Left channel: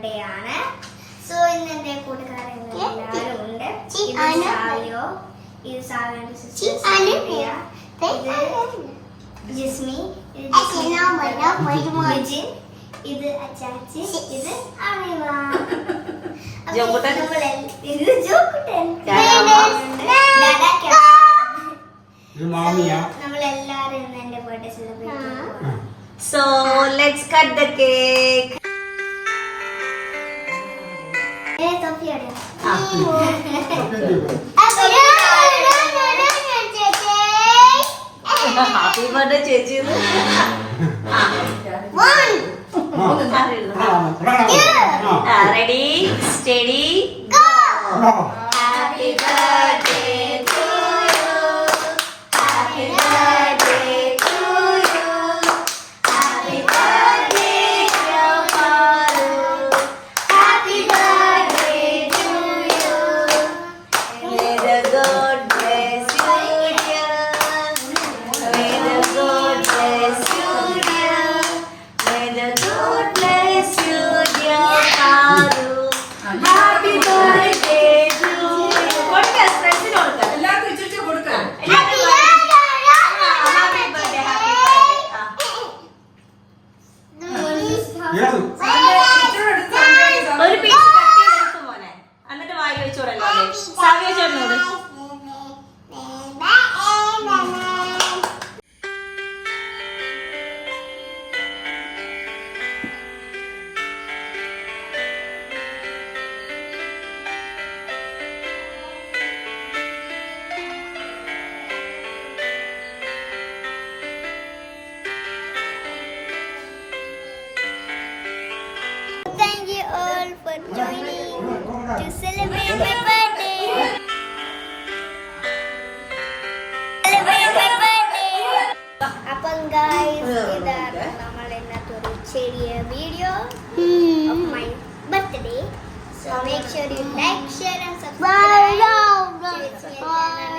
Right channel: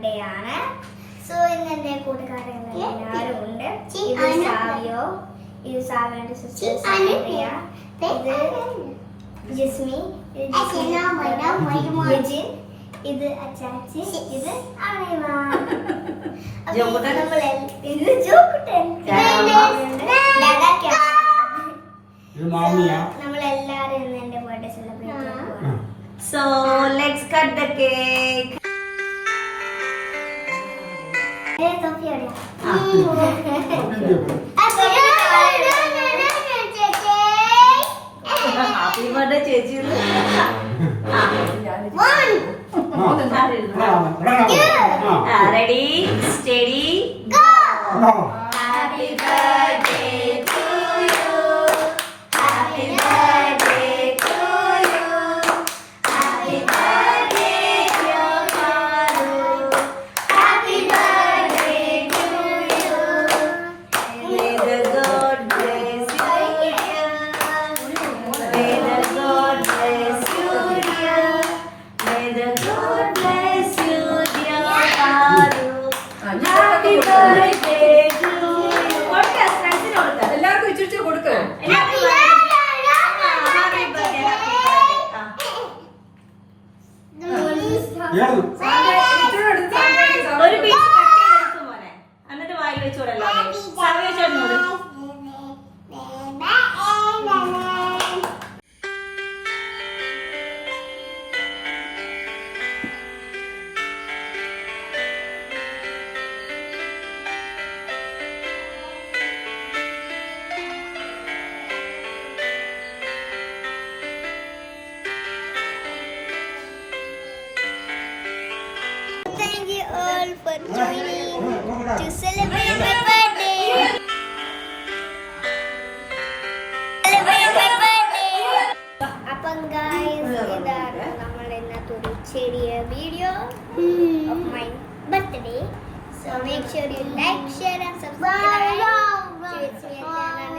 ബർത്ത്ഡേ ആണ്. സോ ഇന്ന് എന്റെ കൂട്ടുകാരൻ എല്ലാവരും ഉണ്ട്. ഇത് സാവിയോ, ഇത് സാവിയോന്റെ സിസ്റ്റർ സാവിയ, ഇത് ജിസ്മി, ഇത് ലിജിൻ, ഇത് അച്ചാച്ചി, ഇത് അണിമ. ഇത് ജോക്കുട്ടൻ, നമ്മളെല്ലാരും ഇന്ന് എന്റെ ബർത്ത്ഡേ സെലിബ്രേറ്റ് ചെയ്യുക. So let's cut the cake. Happy birthday ചേച്ചി. Ready, steady, go. Happy birthday to you. Happy birthday to you. Happy birthday dear Maru. Happy birthday to you. May the God bless you dear. May the God bless you dear. May the God bless you dear Maru. Happy birthday to you. What is friends in all that? എല്ലാവർക്കും ഇച്ചിരി കൊടുക്ക. Happy birthday. Happy birthday. ഏത്? ഒരു piece cut ചെയ്തെടുത്തു മോനെ, എന്നിട്ട് വാരി വെച്ചോളല്ലോ. സാവിയ ചേട്ടനോട് Thank you all for joining to celebrate my birthday. Celebrate my birthday. അപ്പം guys, ഇതാണ് നമ്മൾ ഇന്നത്തെ ഒരു ചെറിയ video of my birthday. So make sure you like, share and subscribe to our channel.